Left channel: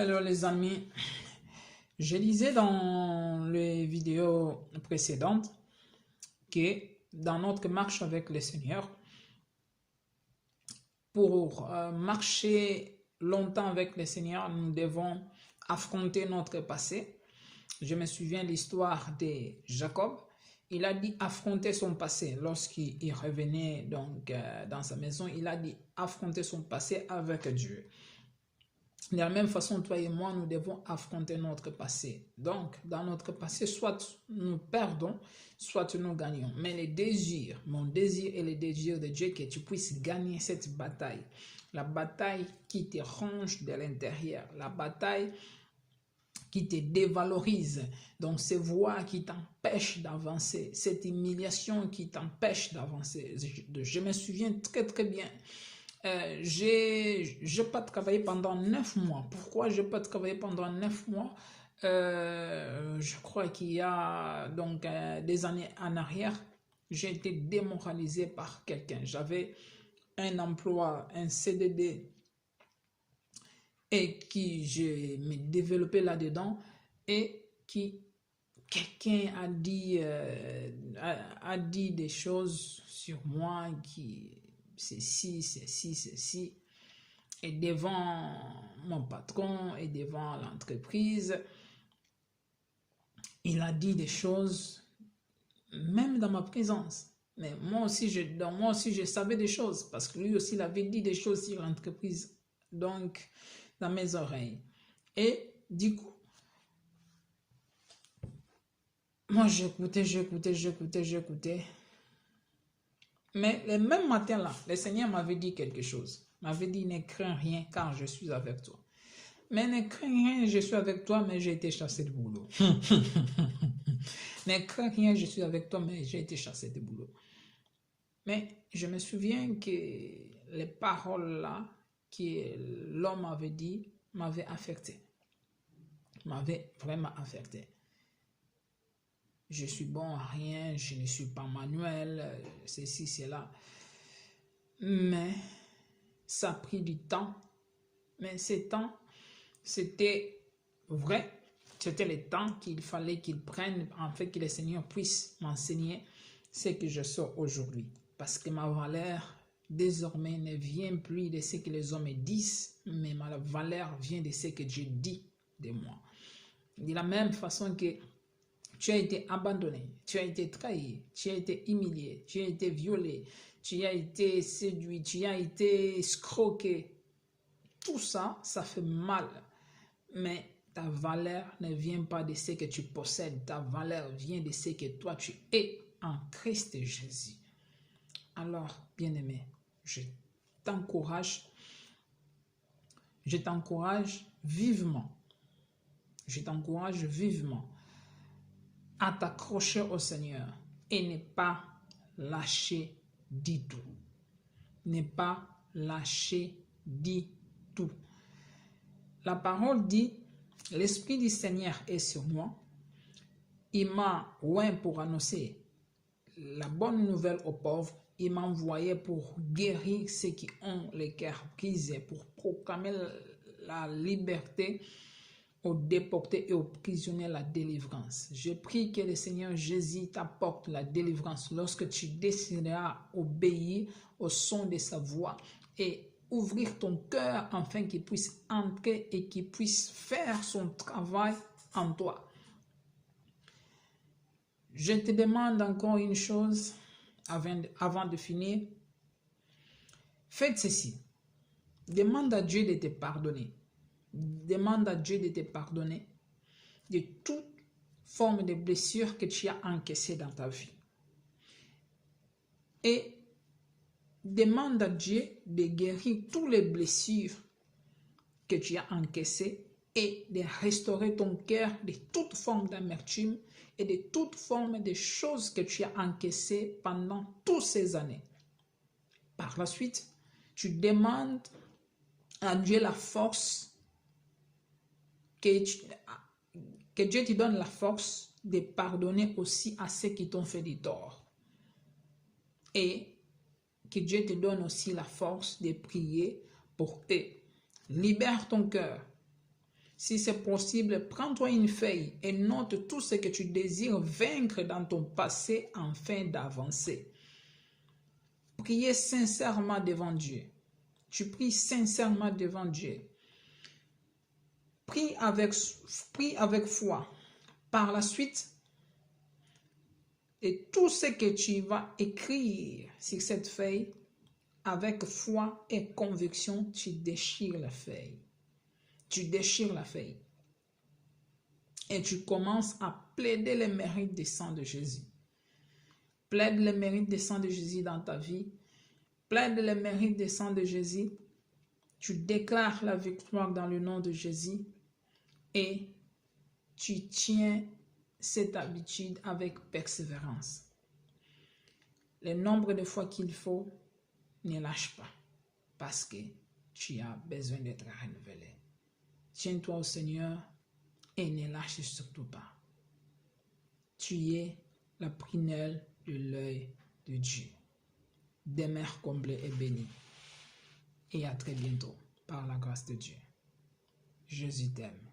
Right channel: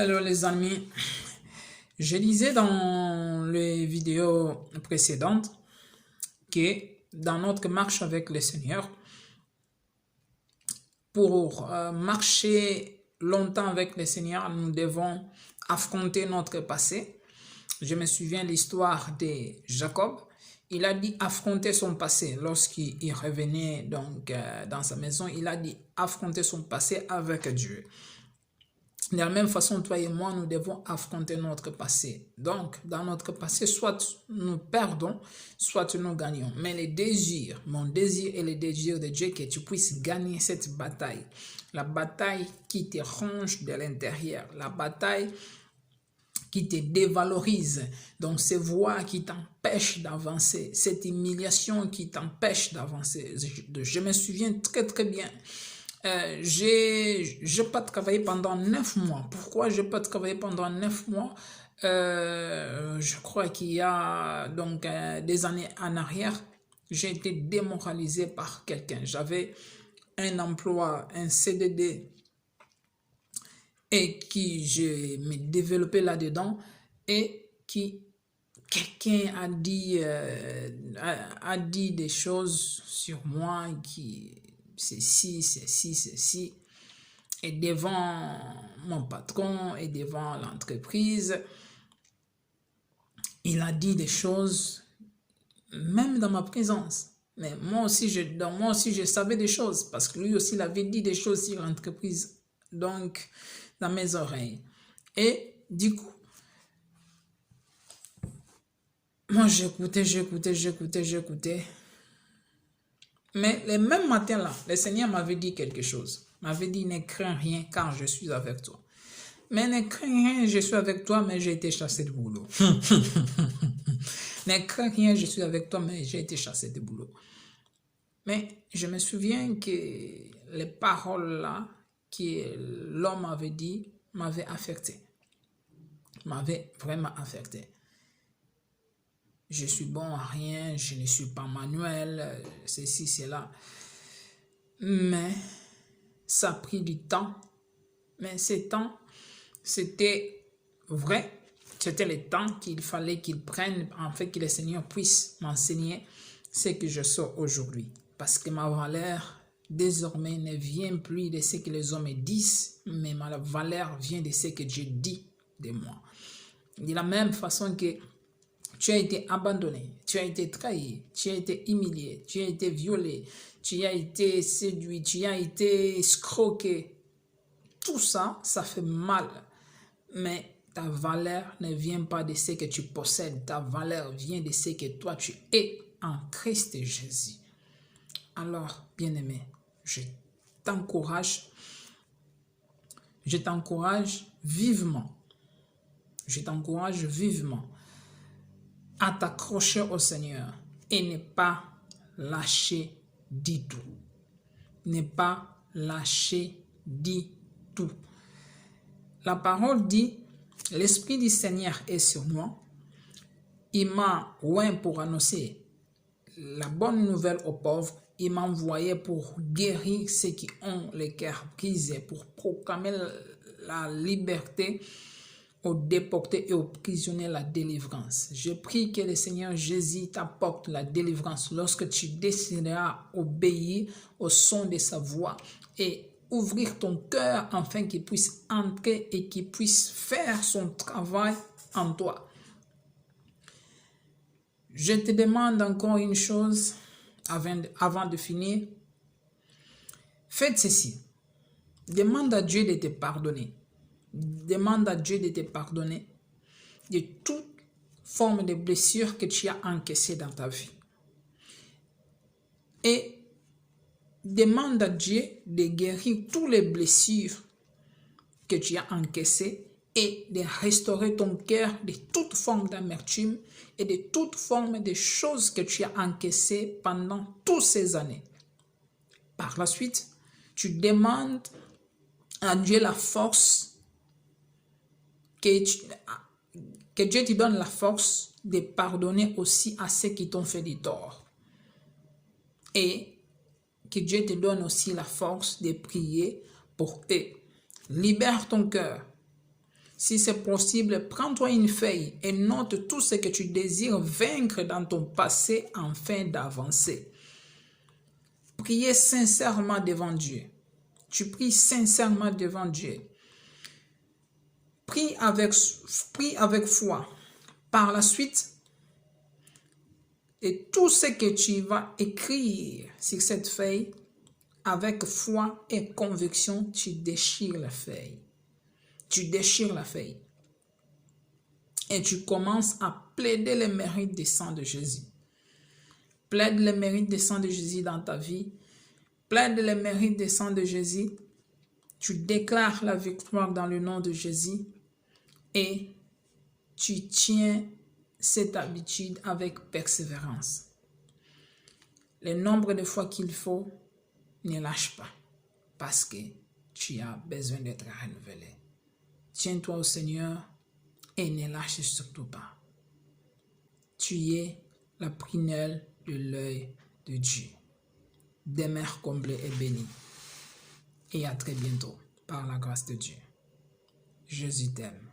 Hello les amis, je disais dans les vidéos précédentes que dans notre marche avec le Seigneur, pour marcher longtemps avec le Seigneur, nous devons affronter notre passé. Je me souviens de l'histoire de Jacob. Il a dit affronter son passé. Lorsqu'il revenait donc dans sa maison, il a dit affronter son passé avec Dieu. De la même façon, toi et moi, nous devons affronter notre passé. Donc, dans notre passé, soit nous perdons, soit nous gagnons. Mais les désirs, mon désir et le désir de Dieu, que tu puisses gagner cette bataille. La bataille qui te ronge de l'intérieur. La bataille qui te dévalorise. Donc, ces voix qui t'empêchent d'avancer. Cette humiliation qui t'empêche d'avancer. Je me souviens très bien. J'ai pas travaillé pendant 9 mois. Pourquoi j'ai pas travaillé pendant 9 mois? Je crois qu'il y a donc des années en arrière, j'ai été démoralisé par quelqu'un. J'avais un emploi, un CDD, et qui je me développais là-dedans, et qui quelqu'un a dit des choses sur moi qui ceci, et devant mon patron et devant l'entreprise, il a dit des choses, même dans ma présence. Mais moi aussi, je savais des choses, parce que lui aussi, il avait dit des choses sur l'entreprise, donc dans mes oreilles. Et du coup, moi, j'écoutais. Mais le même matin-là, le Seigneur m'avait dit quelque chose. M'avait dit, ne crains rien car je suis avec toi. Mais ne crains rien, je suis avec toi, mais j'ai été chassé de boulot. Ne crains rien, je suis avec toi, mais j'ai été chassé de boulot. Mais je me souviens que les paroles-là que l'homme avait dit m'avaient affecté. M'avaient vraiment affecté. Je suis bon à rien, je ne suis pas manuel, ceci, cela. Mais ça a pris du temps. Mais ce temps, c'était vrai. C'était le temps qu'il fallait qu'il prenne, en fait, que le Seigneur puisse m'enseigner ce que je sors aujourd'hui. Parce que ma valeur, désormais, ne vient plus de ce que les hommes disent, mais ma valeur vient de ce que Dieu dit de moi. De la même façon que tu as été abandonné, tu as été trahi, tu as été humilié, tu as été violé, tu as été séduit, tu as été escroqué. Tout ça, ça fait mal. Mais ta valeur ne vient pas de ce que tu possèdes. Ta valeur vient de ce que toi tu es en Christ Jésus. Alors, bien-aimé, je t'encourage vivement. Je t'encourage vivement à t'accrocher au Seigneur et ne pas lâcher du tout. Ne pas lâcher du tout. La parole dit, l'Esprit du Seigneur est sur moi. Il m'a oint pour annoncer la bonne nouvelle aux pauvres. Il m'a envoyé pour guérir ceux qui ont les cœurs brisés, pour proclamer la liberté aux déportés et aux prisonniers, la délivrance. Je prie que le Seigneur Jésus t'apporte la délivrance lorsque tu décideras obéir au son de sa voix et ouvrir ton cœur afin qu'il puisse entrer et qu'il puisse faire son travail en toi. Je te demande encore une chose avant de finir. Faites ceci. Demande à Dieu de te pardonner. Demande à Dieu de te pardonner de toute forme de blessure que tu as encaissée dans ta vie. Et demande à Dieu de guérir toutes les blessures que tu as encaissées et de restaurer ton cœur de toute forme d'amertume et de toute forme de choses que tu as encaissées pendant toutes ces années. Par la suite, tu demandes à Dieu la force, que Dieu te donne la force de pardonner aussi à ceux qui t'ont fait du tort. Et que Dieu te donne aussi la force de prier pour eux. Libère ton cœur. Si c'est possible, prends-toi une feuille et note tout ce que tu désires vaincre dans ton passé afin d'avancer. Priez sincèrement devant Dieu. Tu pries sincèrement devant Dieu. Prie avec foi. Par la suite, et tout ce que tu vas écrire sur cette feuille, avec foi et conviction, tu déchires la feuille. Tu déchires la feuille. Et tu commences à plaider les mérites du sang de Jésus. Plaide les mérites du sang de Jésus dans ta vie. Plaide les mérites du sang de Jésus. Tu déclares la victoire dans le nom de Jésus. Et tu tiens cette habitude avec persévérance. Le nombre de fois qu'il faut, ne lâche pas. Parce que tu as besoin d'être renouvelé. Tiens-toi au Seigneur et ne lâche surtout pas. Tu es la prunelle de l'œil de Dieu. Demeure comblé et béni. Et à très bientôt par la grâce de Dieu. Jésus t'aime.